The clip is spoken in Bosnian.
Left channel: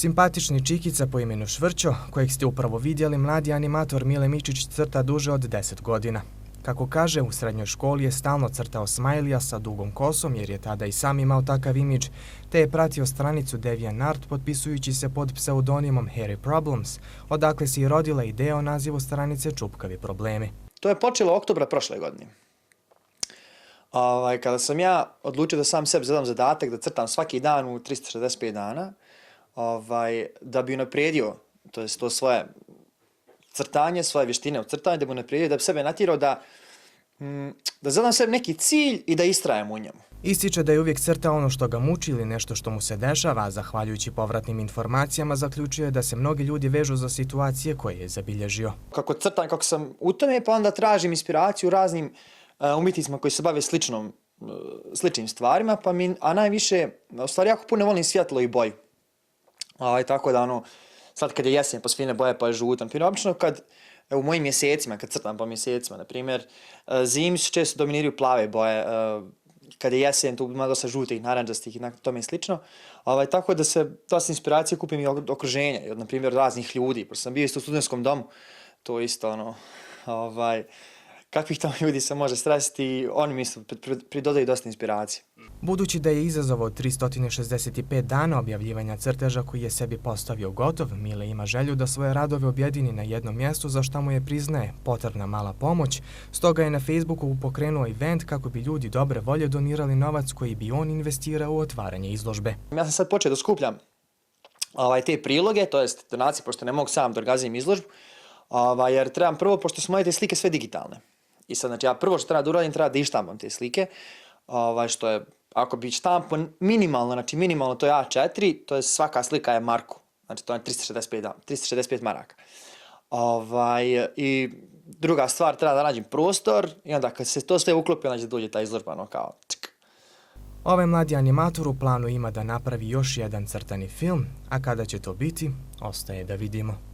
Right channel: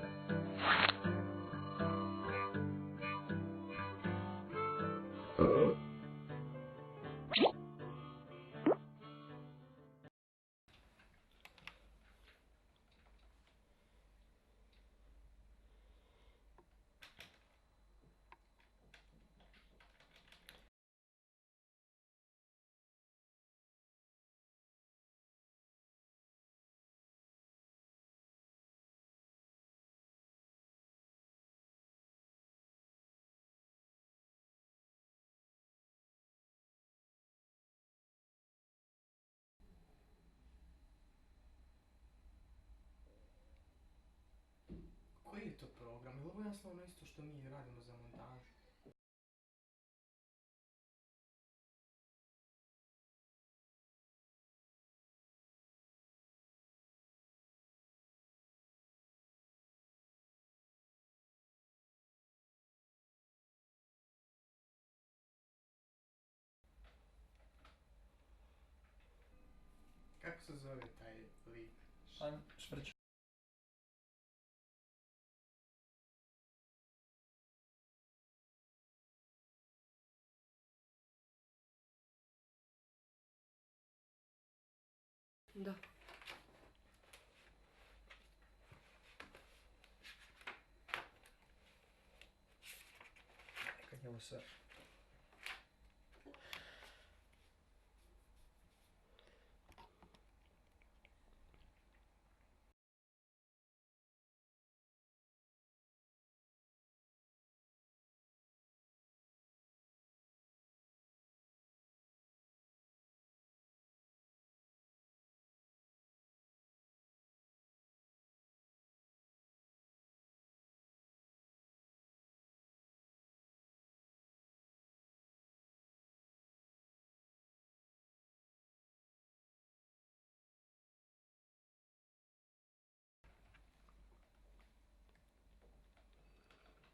Simpatični čikica po imenu Švrćo, kojeg ste upravo vidjeli, mladi animator Mile Mičić crta duže od 10 godina. Kako kaže, u srednjoj školi je stalno crtao smajlija sa dugom kosom jer je tada i sam imao takav imidž, te je pratio stranicu DeviantArt potpisujući se pod pseudonimom Hairy Problems, odakle se i rodila ideja o nazivu stranice Čupkavi problemi. To je počelo oktobra prošle godine. Kada sam ja odlučio da sam sebi zadam zadatak da crtam svaki dan u 365 dana, da bi unaprijedio to svoje crtanje, svoje vještine u crtanju, da bi unaprijedio, da bi sebe natjerao da zadam sebi neki cilj i da istrajem u njemu. Ističe da je uvijek crtao ono što ga muči ili nešto što mu se dešava, a zahvaljujući povratnim informacijama zaključuje da se mnogi ljudi vežu za situacije koje je zabilježio. Kako crtam, kako sam u tome, pa onda tražim inspiraciju u raznim umjetnicima koji se bave sličnim stvarima, a najviše, u stvari jako puno volim svjetlo i boju. Tako da sad kad je jesen pa su fine boje pa je žutan. Obično u mojim mjesecima, kad crtam po mjesecima, na primjer, zimi su često dominiraju plave boje, kad je jesen tu ima dosta žutih, naranđastih i tome slično. Tako da se dosta inspiracije kupim i od okruženja, i od, na primjer, raznih ljudi. Pošto sam bio isto u studentskom domu, to isto kakvih tamo ljudi se može stresiti, oni mi isto pridodaju dosta inspiracije. Budući da je izazov od 365 dana objavljivanja crteža koji je sebi postavio gotov, Mile ima želju da svoje radove objedini na jednom mjestu za što mu je, priznaje, potrebna mala pomoć, stoga je na Facebooku pokrenuo event kako bi ljudi dobre volje donirali novac koji bi on investirao u otvaranje izložbe. Ja sam sad počeo da skupljam te priloge, to jest donacije, pošto ne mogu sam da organizujem izložbu, jer trebam prvo, pošto su moje te slike sve digitalne. I sad, znači, ja prvo što treba da uradim, treba da ištampam te slike, što je, ako bi štampo minimalno to je A4, to je svaka slika je marku, znači to je 365 maraka. I druga stvar, treba da nađem prostor i onda kad se to sve uklopi, onda će dođe ta izložba, kao čk. Ovaj mladi animator u planu ima da napravi još jedan crtani film, a kada će to biti, ostaje da vidimo.